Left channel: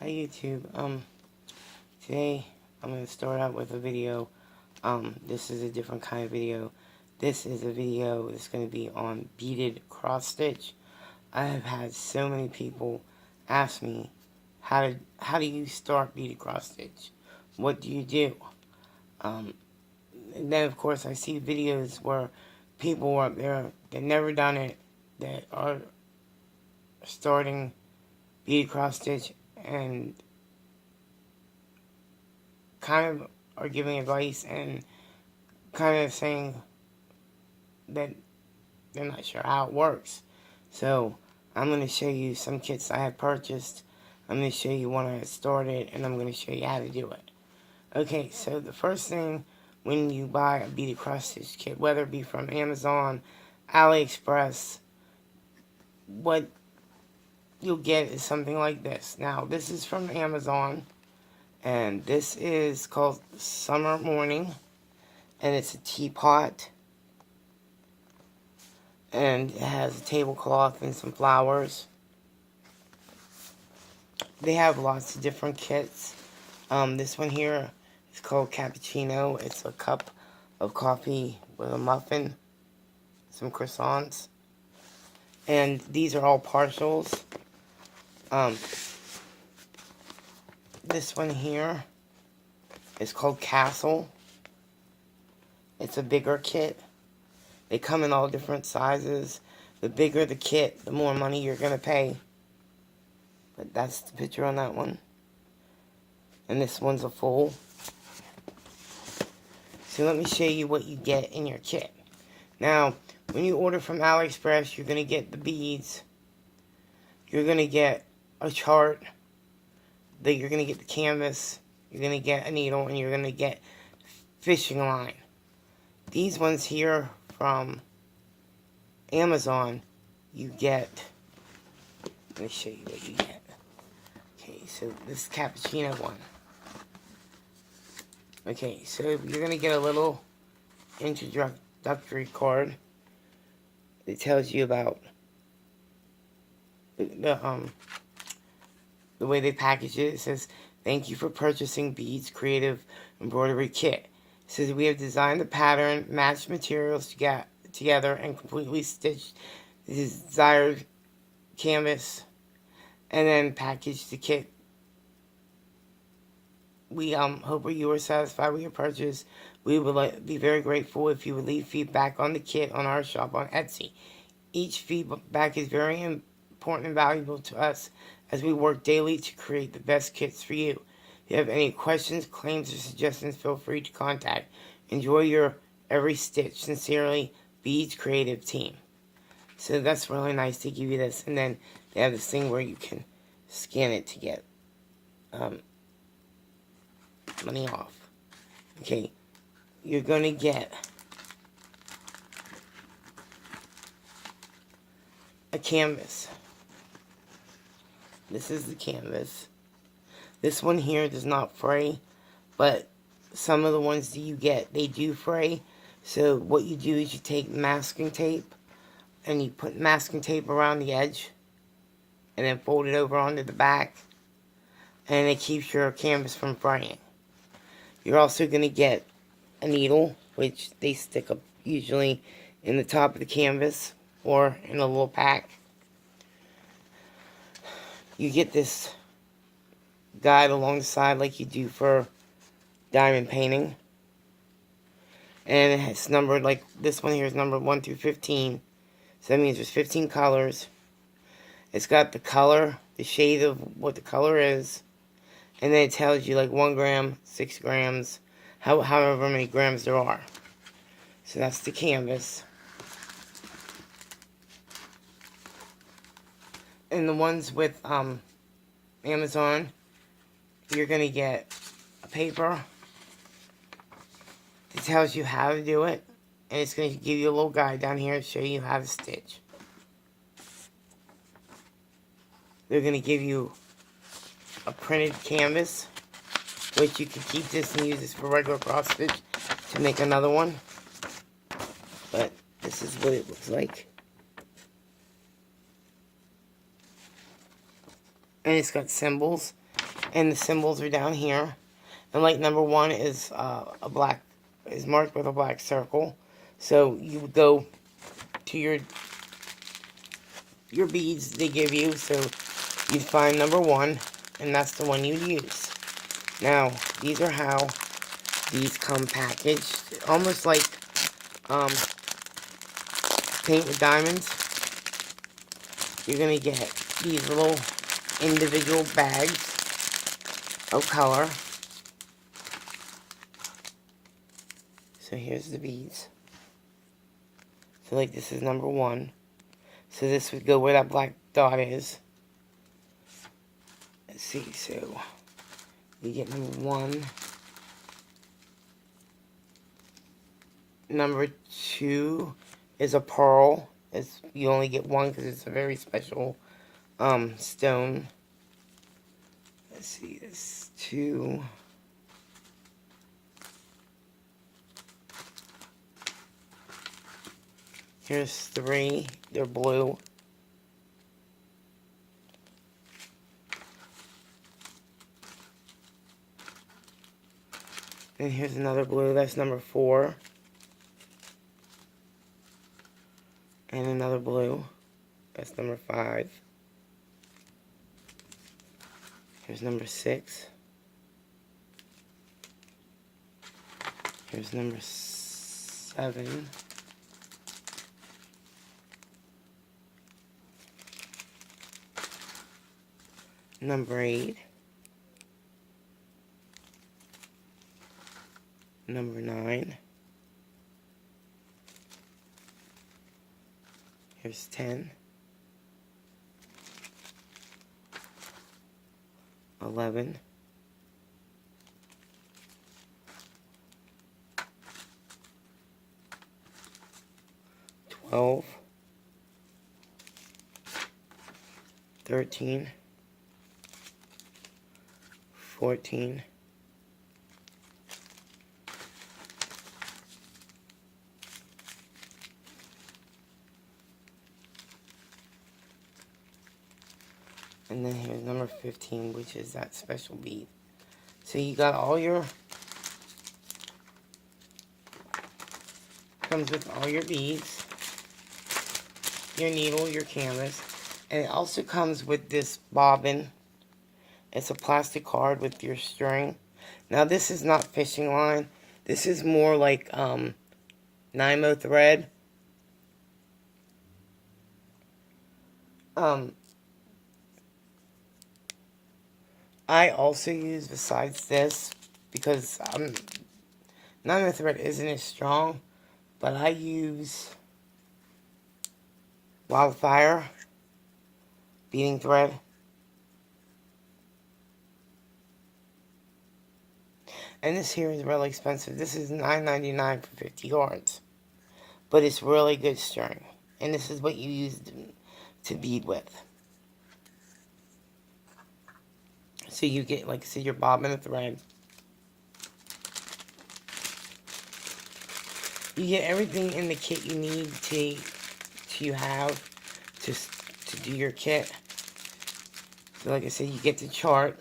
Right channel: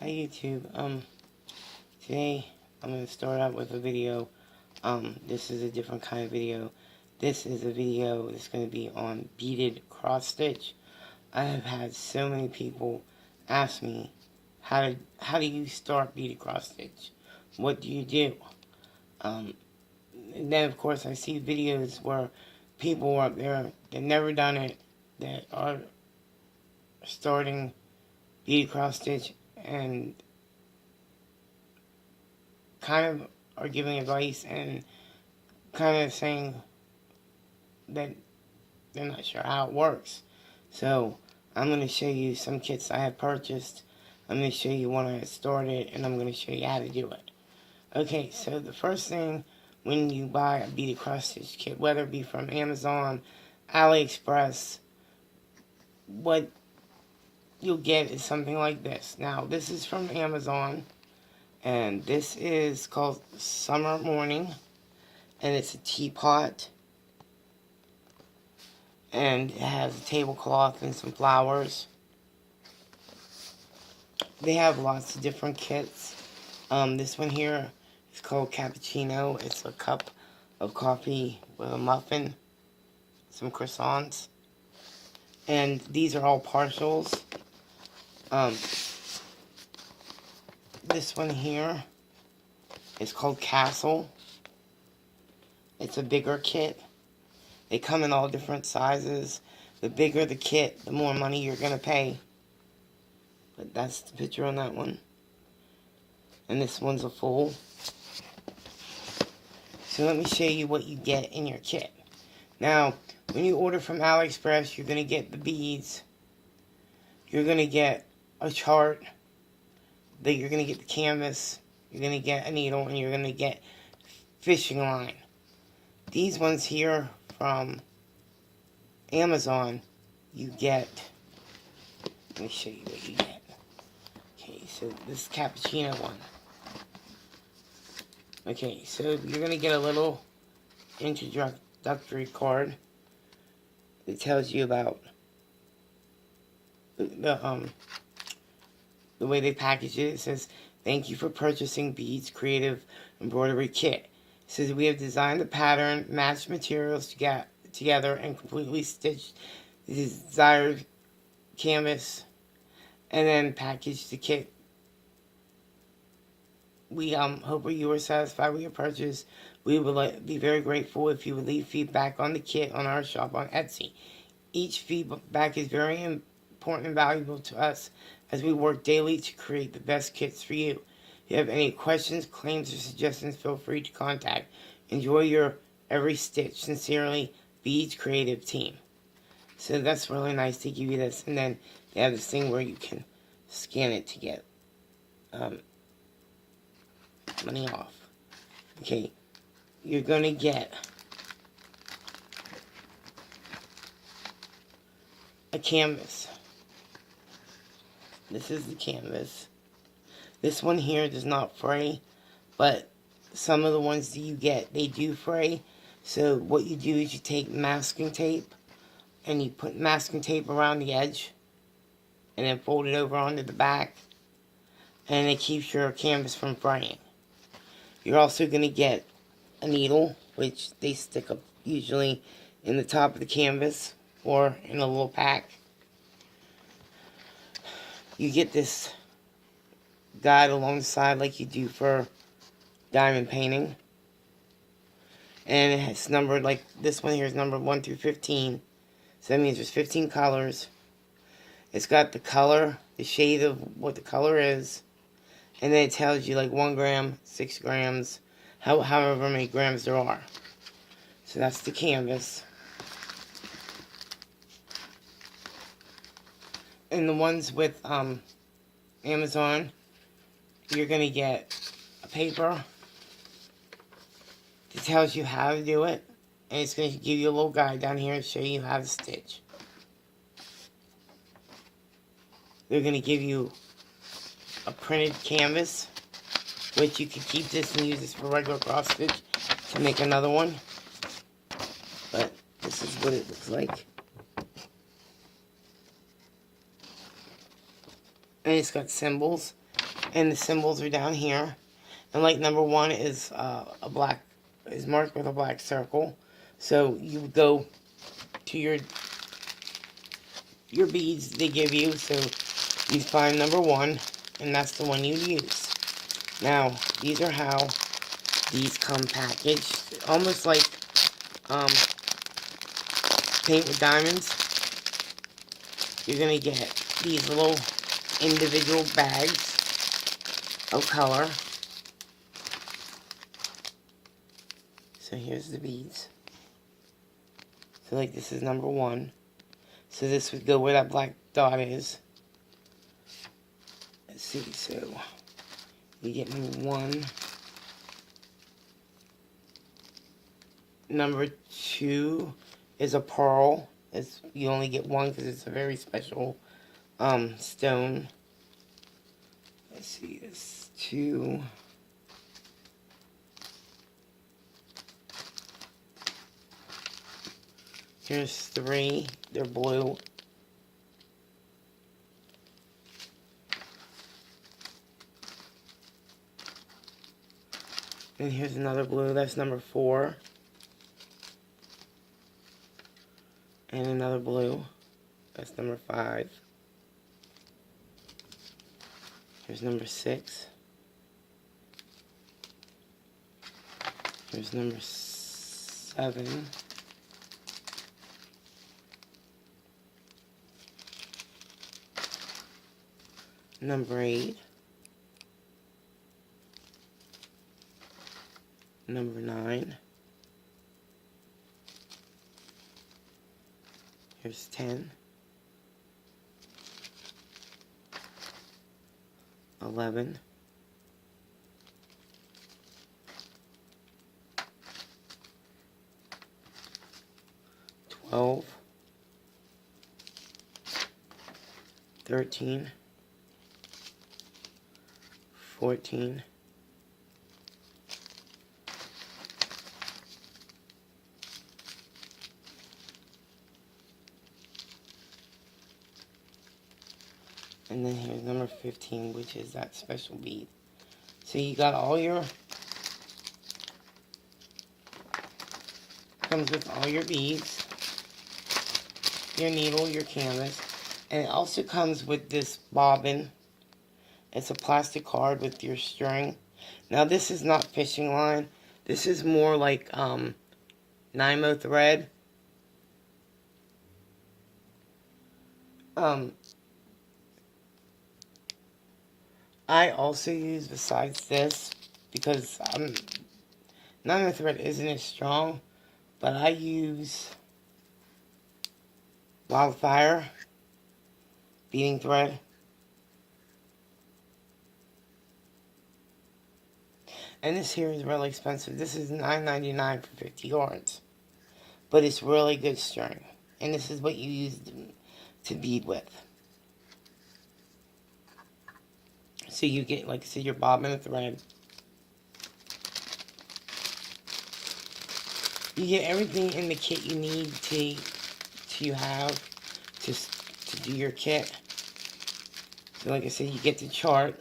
Hi YouTube. Today I'm going to start out with a video. This is a different kind of video. This is a video that's going to be on beaded cross stitch. I have had so many people ask me, how do you start beaded cross stitch? What do you do? And then of course I see videos where people up there, they've never done it, that are starting beaded cross stitch and kind of are giving advice and kind of saying that they're not sure how it works. So I'm going to show you some kits I have purchased. I'm going to show you when I started, and I'm going to show you how to do it. Okay, so the first thing when you buy a beaded cross stitch kit, whether it be from Amazon, AliExpress, what you'll get is something like this. Now, this is from Amazon, and this is called Summer Morning, and it's a teapot, and it has a tablecloth and some flowers. They have lots of different kits. This one here is called Cappuccino. It's a cup of coffee with a muffin, some croissants, and these are all partials. This one here is called Castle. It's a bigger kit. They come in all different sizes. The bigger the kit, the more money you're going to pay. But that's the picture on that one. And this one's a full. So let me show you what you get in your kit. Now, when you order from AliExpress, you're going to get the beads. You're going to get a chart. You're going to get the canvas. You're going to get a needle. And you're going to get fishing line. These ones here from Amazon, you get, let me show you what you get. Okay, so this is Cappuccino one. Okay, so you're going to get a little introductory card that tells you about the way they package it. It says, "Thank you for purchasing Beads Creative Embroidery Kit." It says, "We have designed the pattern, matched materials together, and completely stitched the desired canvas, and then packaged the kit. We hope you are satisfied with your purchase. We would be very grateful if you would leave feedback on the kit on our shop on Etsy. Each feedback is very important and valuable to us as we work daily to create the best kits for you. If you have any questions, claims, or suggestions, feel free to contact. Enjoy your every stitch. Sincerely, Beads Creative Team." So that's really nice to give you this. And then they have this thing where you can scan it to get money off. Okay, you're going to get a canvas. This is the canvas. This one here does not fray, but some of the ones that you get, they do fray. So what you do is you take masking tape, and you put masking tape around the edge, and then fold it over onto the back, and it keeps your canvas from fraying. You're also going to get a needle, which they stick up usually in the top of the canvas, or in a little pack. You get this guide along the side like you do for diamond painting. And it's numbered, like this one here is numbered 1 through 15. So that means there's 15 colors. It's got the color, the shade of what the color is. And then it tells you like 1 gram, 6 grams, however many grams there are. So that's the canvas. And the ones with Amazon, you're going to get a paper that tells you how to do it. And it's going to give you a little guide down here to show you how to stitch. They're going to give you a printed canvas, which you can keep this and use this for regular cross stitch to make another one. But this is what it looks like. And it's got symbols. And the symbols are down here. And like number 1 is is marked with a black circle. So you would go to your beads they give you. So you find number 1, and that's the one you use. Now, these are how these come packaged. Almost like paint with diamonds. You're going to get these little individual bags of color. So here's the beads. So like this is number 1. So this would go where that black dot is. Let's see, so we get number 1. Number 2 is a pearl. You only get 1 because it's a very special stone. Let's see, it's 2. Here's 3. They're blue. And here's another blue. That's number 4. And another blue. That's number 5. Here's number 6. Here's number 7. Number 8. Number 9. Here's 10. 11. 12. 13. 14. 15, which is that special bead. So you got all your, comes with all your beads, your needle, your canvas, and it also comes with this bobbin. It's a plastic card with your string. Now this is not fishing line. This is more like Nymo thread. I also use, besides this, because Nymo thread isn't as strong, but I use Wildfire beading thread. And this here is really expensive. This is $9.99 for 50 yards. But it's really good string. And this is what you use to bead with. So you get, like I said, your bobbin and thread. You get everything in the kit you need to have to do your kit. So like I said, you get the chart.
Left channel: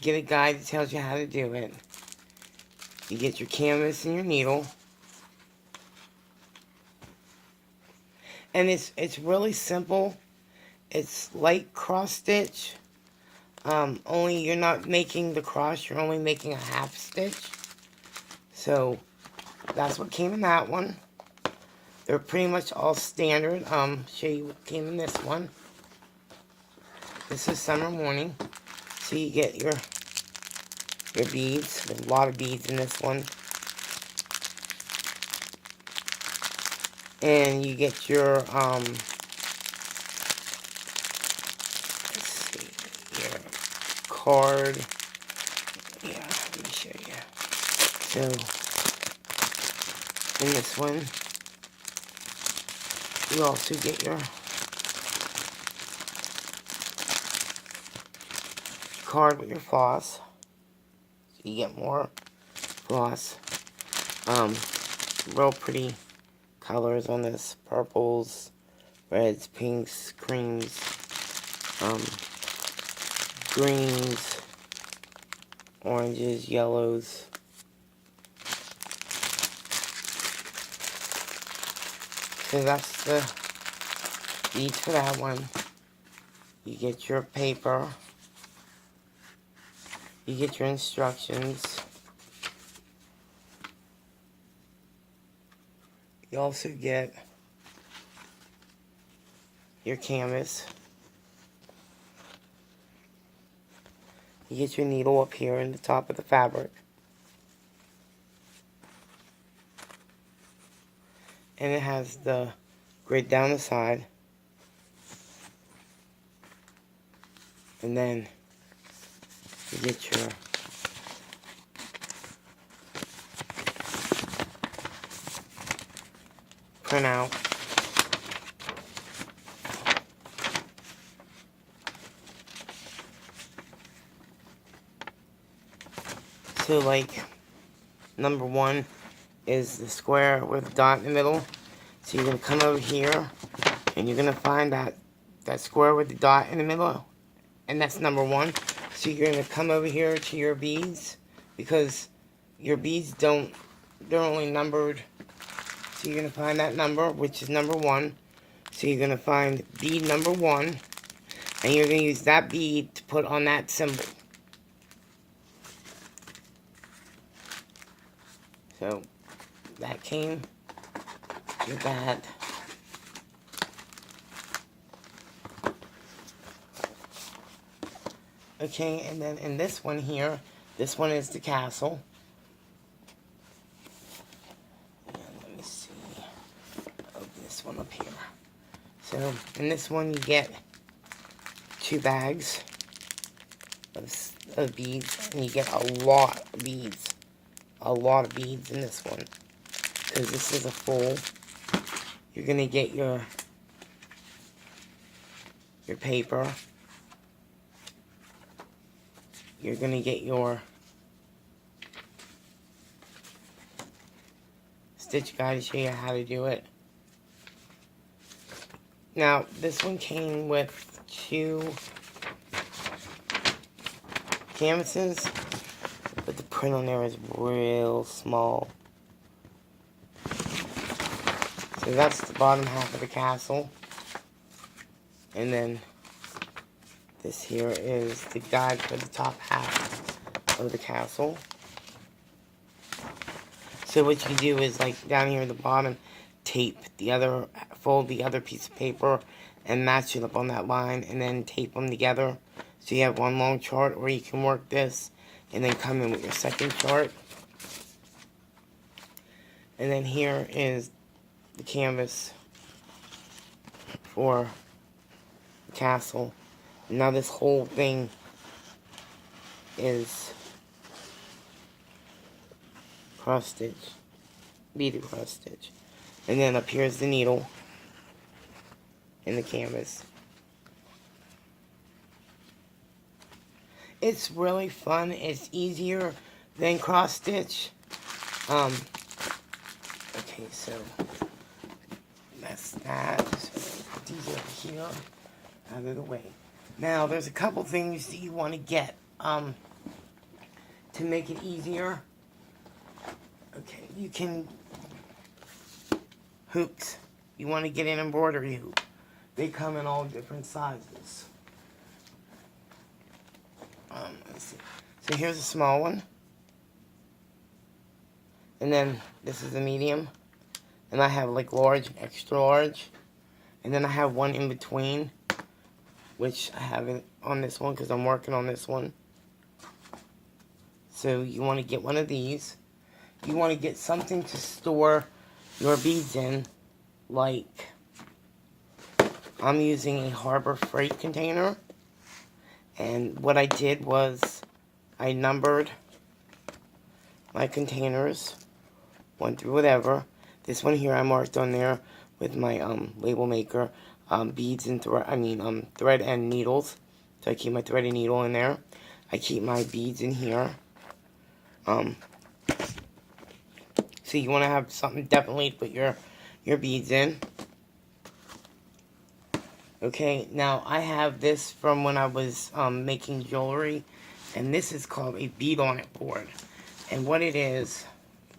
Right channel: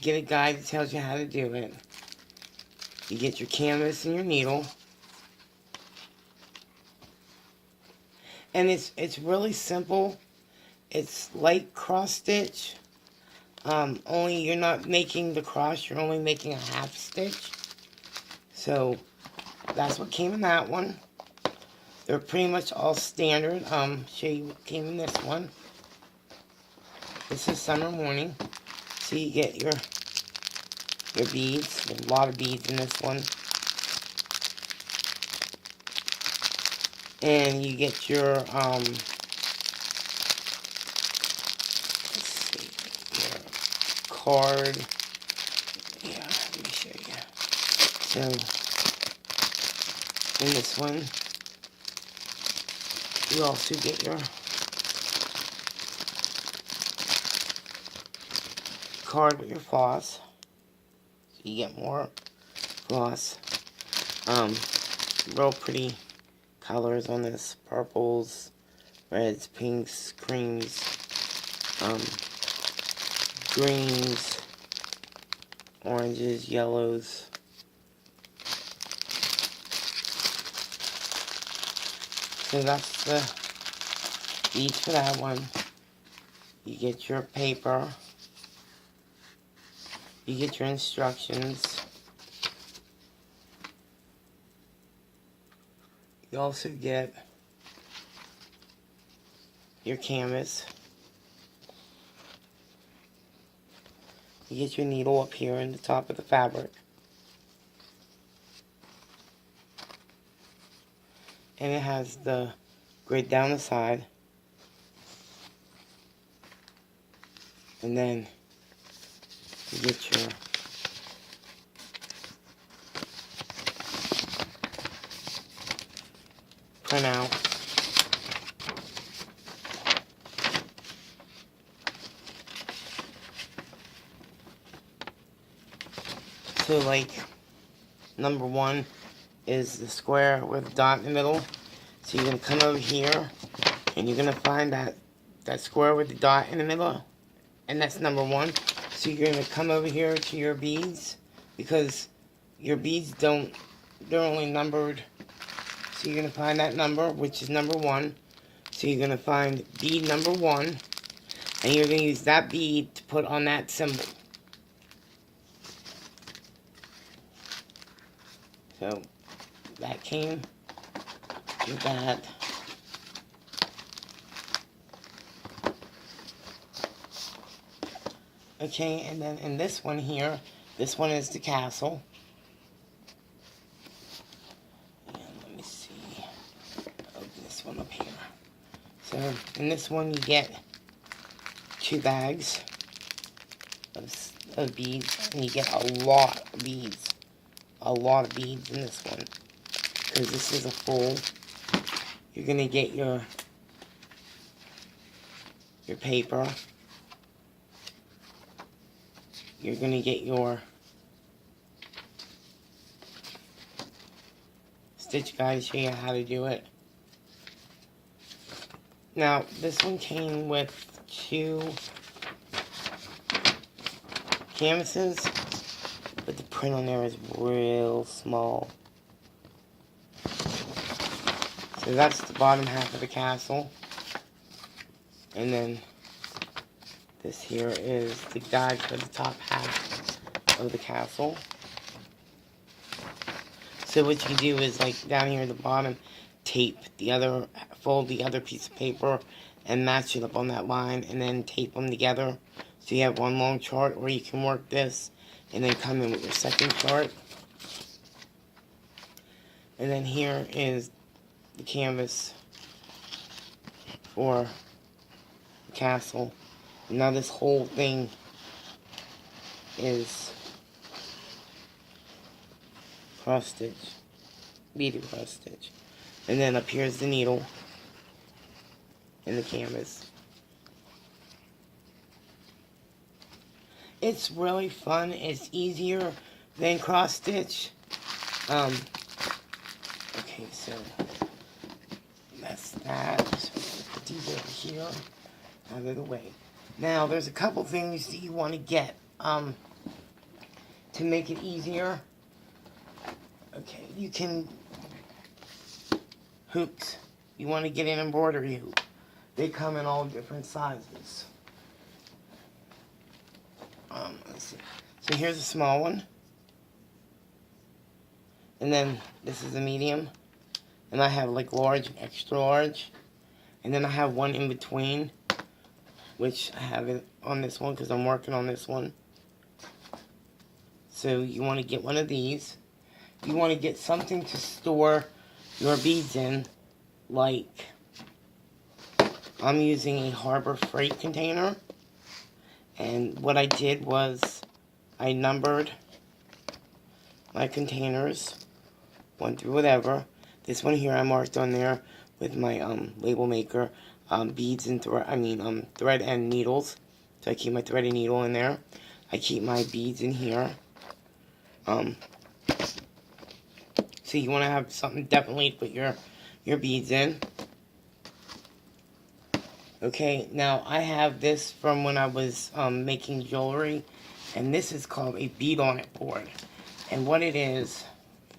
Get a guide that tells you how to do it. You get your canvas and your needle. And it's really simple. It's like cross stitch. Only you're not making the cross, you're only making a half stitch. So that's what came in that one. They're pretty much all standard. Show you what came in this one. This is Summer Morning. So you get your beads. There's a lot of beads in this one. And you get your, let's see, your card. Yeah, let me show you. So, in this one, you also get your card with your floss. So you get more floss. Real pretty colors on this, purples, reds, pinks, creams, greens, oranges, yellows. So that's the beads for that one. You get your paper. You get your instructions. You also get your canvas. You get your needle up here in the top of the fabric. And it has the grid down the side. And then you get your printout. So like number 1 is the square with a dot in the middle. So you're going to come over here and you're going to find that square with the dot in the middle. And that's number 1. So you're going to come over here to your beads, because your beads they're only numbered. So you're going to find that number, which is number 1. So you're going to find bead number 1, and you're going to use that bead to put on that symbol. So that came with that. Okay, and then in this one here, this one is the castle. And let me see. Open this one up here. So in this one you get 2 bags of beads, and you get a lot of beads. A lot of beads in this one, because this is a full. You're gonna get your paper. You're gonna get your stitch guide to show you how to do it. Now this one came with 2 canvases, but the print on there is real small. So that's the bottom half of the castle. And then this here is the guide for the top half of the castle. So what you do is, like down here at the bottom, fold the other piece of paper and match it up on that line, and then tape them together. So you have one long chart, or you can work this and then come in with your second chart. And then here is the canvas for the castle. Now this whole thing is cross stitch, beaded cross stitch. And then up here is the needle and the canvas. It's really fun. It's easier than cross stitch. Okay, so that's that. So put these over here out of the way. Now there's a couple things that you want to get to make it easier. Okay, you can hoops. You want to get an embroidery hoop. They come in all different sizes. Let's see. So here's a small one. And then this is a medium. And I have like large, extra large. And then I have one in between, which I haven't on this one because I'm working on this one. So you want to get one of these. You want to get something to store your beads in, like I'm using a Harbor Freight container. And what I did was I numbered my containers, 1 through whatever. This one here I marked on there with my label maker, beads and thread and needles. So I keep my thread and needle in there. I keep my beads in here. So you want to have something definitely to put your beads in. Okay, now I have this from when I was making jewelry, and this is called a bead on it board. And what it is,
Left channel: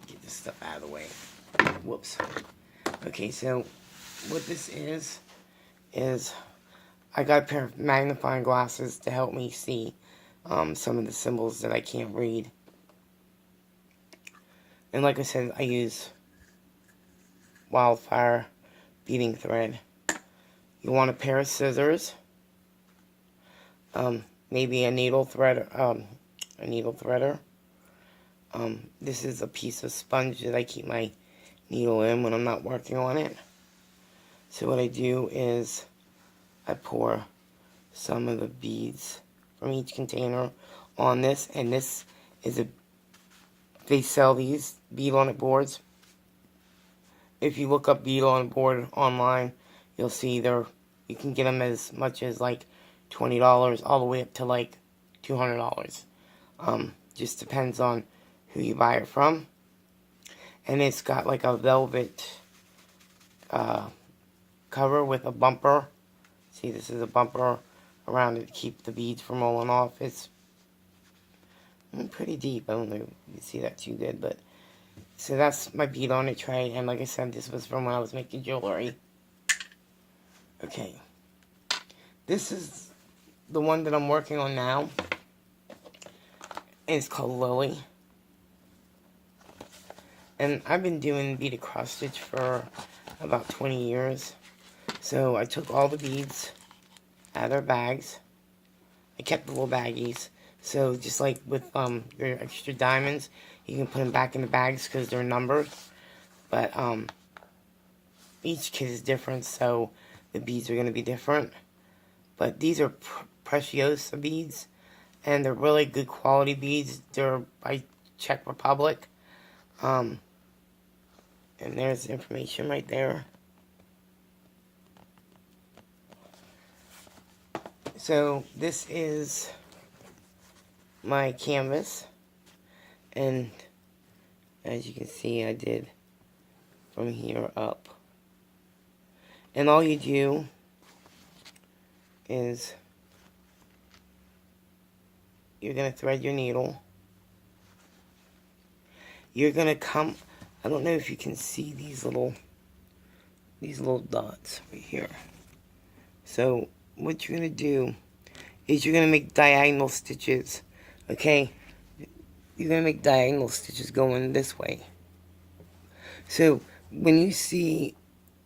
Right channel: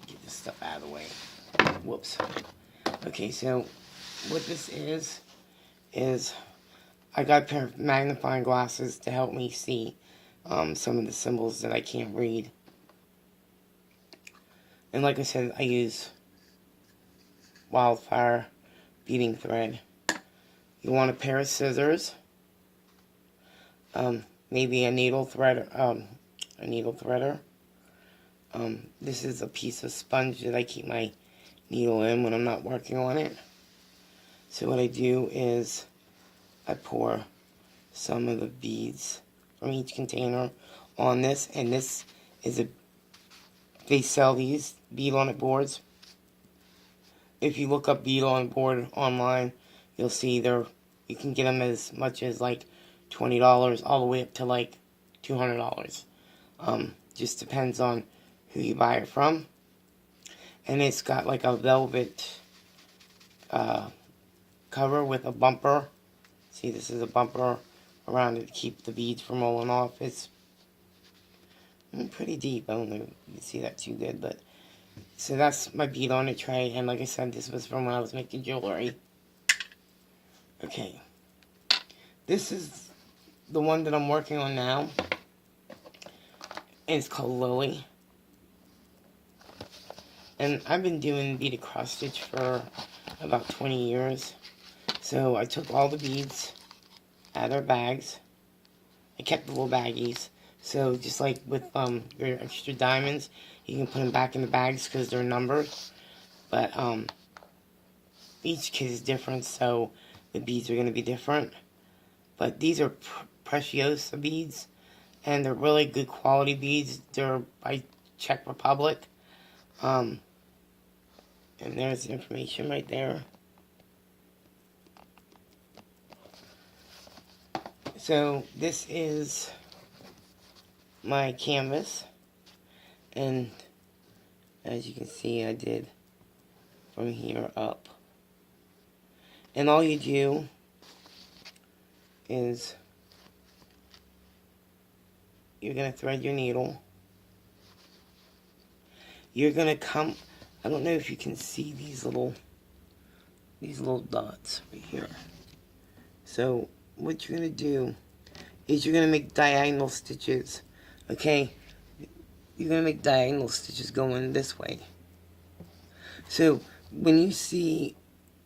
get this stuff out of the way. Whoops. Okay, so what this is I got a pair of magnifying glasses to help me see some of the symbols that I can't read. And like I said, I use wildfire beading thread. You want a pair of scissors, maybe a needle threader. This is a piece of sponge that I keep my needle in when I'm not working on it. So what I do is I pour some of the beads from each container on this, and this is they sell these bead on it boards. If you look up bead on it board online, you'll see you can get them as much as like $20 all the way up to like $200. Just depends on who you buy it from. And it's got like a velvet cover with a bumper. See, this is a bumper around it to keep the beads from rolling off. It's pretty deep. I don't know if you can see that too good, but so that's my bead on it tray. And like I said, this was from when I was making jewelry. Okay, this is the one that I'm working on now. It's called Lily. And I've been doing beaded cross stitch for about 20 years. So I took all the beads out of their bags. I kept the little baggies. So just like with your extra diamonds, you can put them back in the bags because they're numbered. But each kit is different, so the beads are going to be different. But these are Preciosa beads, and they're really good quality beads. They're by Czech Republic. And there's the information right there. So this is my canvas, and as you can see, I did from here up. And all you do is you're going to thread your needle. You're going to come, I don't know if you can see these little dots right here. So what you're going to do is you're going to make diagonal stitches, okay? You're going to make diagonal stitches going this way. So when you see,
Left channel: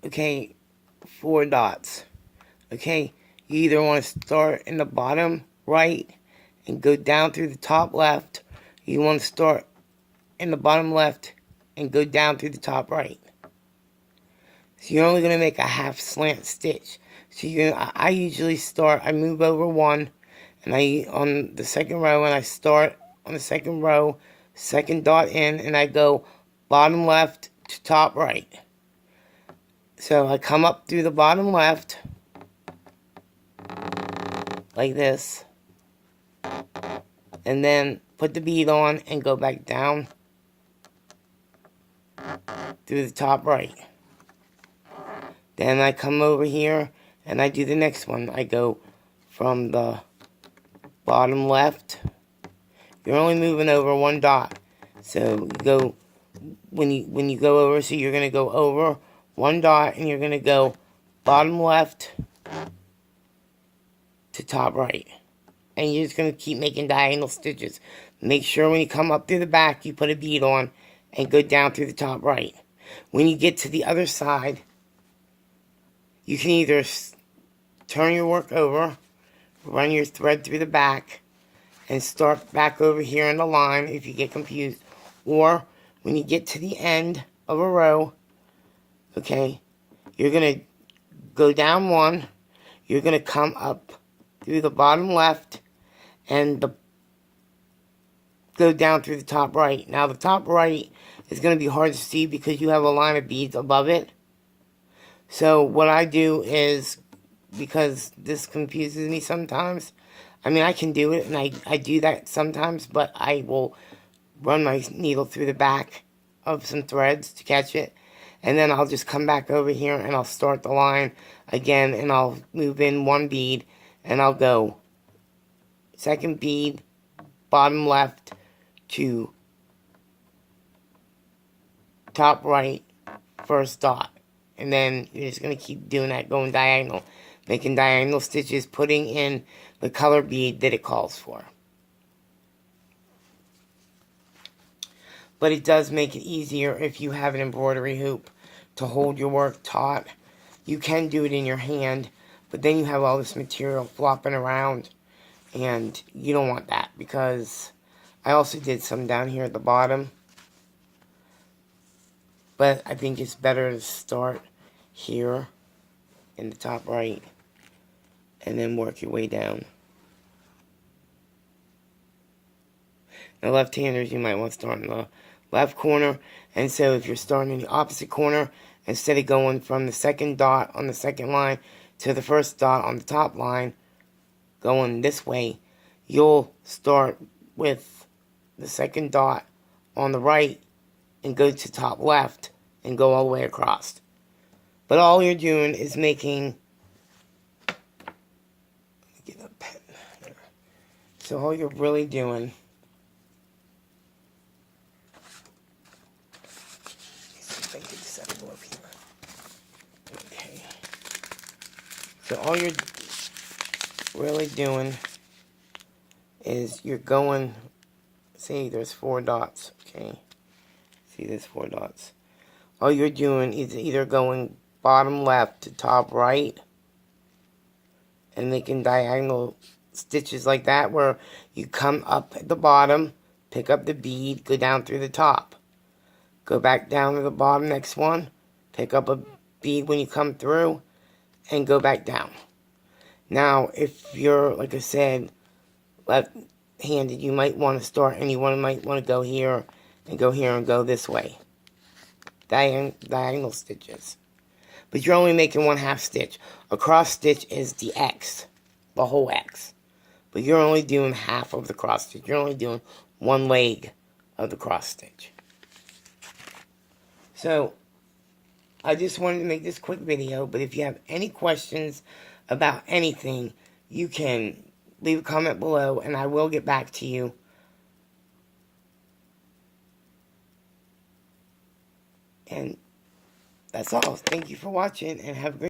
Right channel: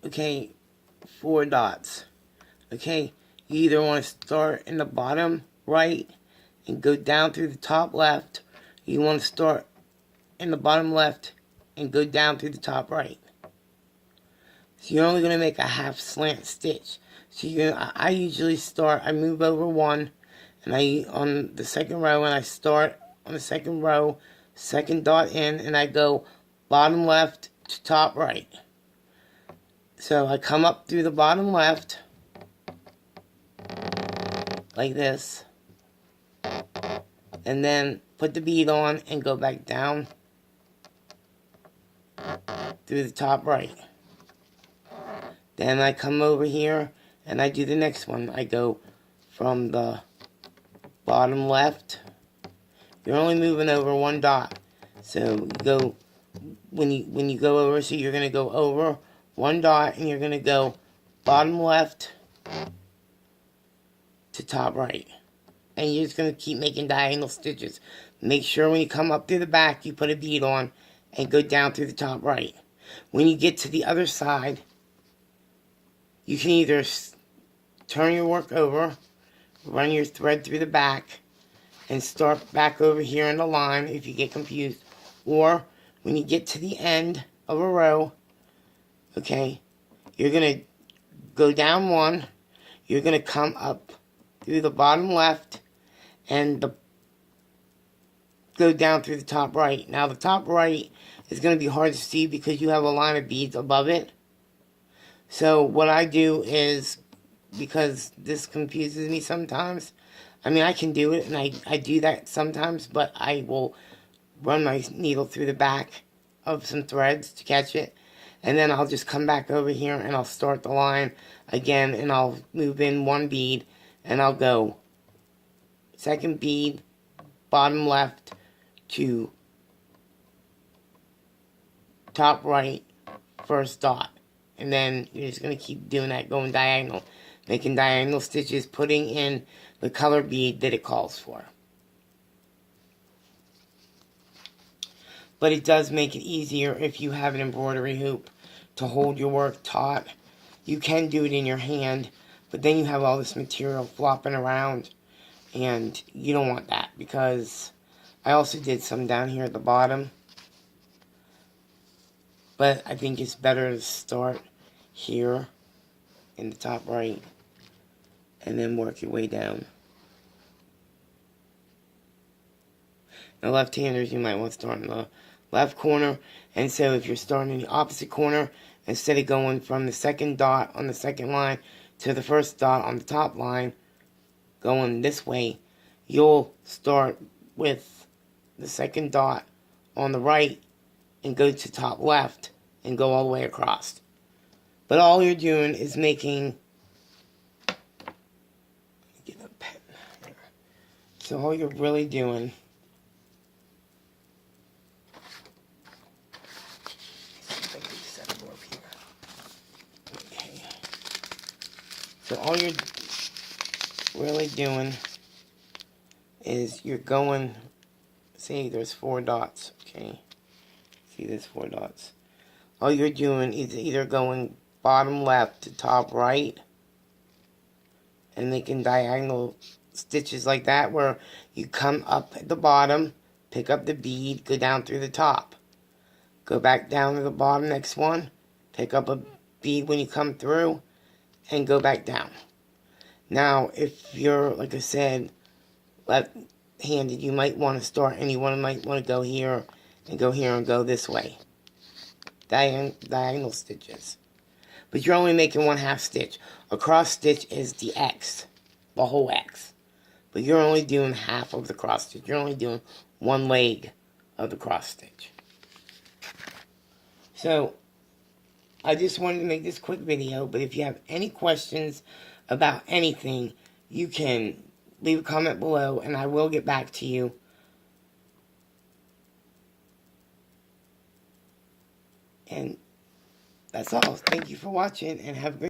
okay, 4 dots, okay, you either want to start in the bottom right and go down through the top left. You want to start in the bottom left and go down through the top right. So you're only going to make a half slant stitch. So I usually start, I move over one, and on the second row, and I start on the second row, second dot in, and I go bottom left to top right. So I come up through the bottom left, like this, and then put the bead on and go back down through the top right. Then I come over here and I do the next one. I go from the bottom left. You're only moving over 1 dot. So you go, when you go over, so you're going to go over 1 dot and you're going to go bottom left to top right. And you're just going to keep making diagonal stitches. Make sure when you come up through the back, you put a bead on and go down through the top right. When you get to the other side, you can either turn your work over, run your thread through the back, and start back over here in the line if you get confused. Or when you get to the end of a row, okay, you're going to go down 1, you're going to come up through the bottom left, and go down through the top right. Now the top right is going to be hard to see because you have a line of beads above it. So what I do is, because this confuses me sometimes, I mean, I can do it, and I do that sometimes, but I will run my needle through the back of some threads to catch it. And then I'll just come back over here and I'll start the line again, and I'll move in one bead, and I'll go second bead, bottom left to top right, first dot. And then you're just going to keep doing that, going diagonal, making diagonal stitches, putting in the color bead that it calls for. But it does make it easier if you have an embroidery hoop to hold your work taut. You can do it in your hand, but then you have all this material flopping around, and you don't want that, because I also did some down here at the bottom. But I think it's better to start here in the top right and then work your way down. Now, left-handers, you might want to start in the left corner. And so if you're starting in the opposite corner, instead of going from the second dot on the second line to the first dot on the top line, going this way, you'll start with the second dot on the right and go to top left and go all the way across. But all you're doing is making, get a pen. So all you're really doing, okay. So all you're really doing is you're going, see, there's 4 dots, okay. See, there's 4 dots. All you're doing is either going bottom left to top right and making diagonal stitches like that, where you come up at the bottom, pick up the bead, go down through the top. Go back down to the bottom, next one, pick up a bead when you come through, and go back down. Now, if you're, like I said, left-handed, you might want to start, and you might want to go here, and go here, and go this way. Diagonal stitches. But you're only making 1/2 stitch. A cross stitch is the X, the whole X. But you're only doing half of the cross stitch. You're only doing 1 leg of the cross stitch. So, I just wanted to make this quick video, but if you have any questions about anything, you can leave a comment below, and I will get back to you. And that's all. Thank you for watching, and have a good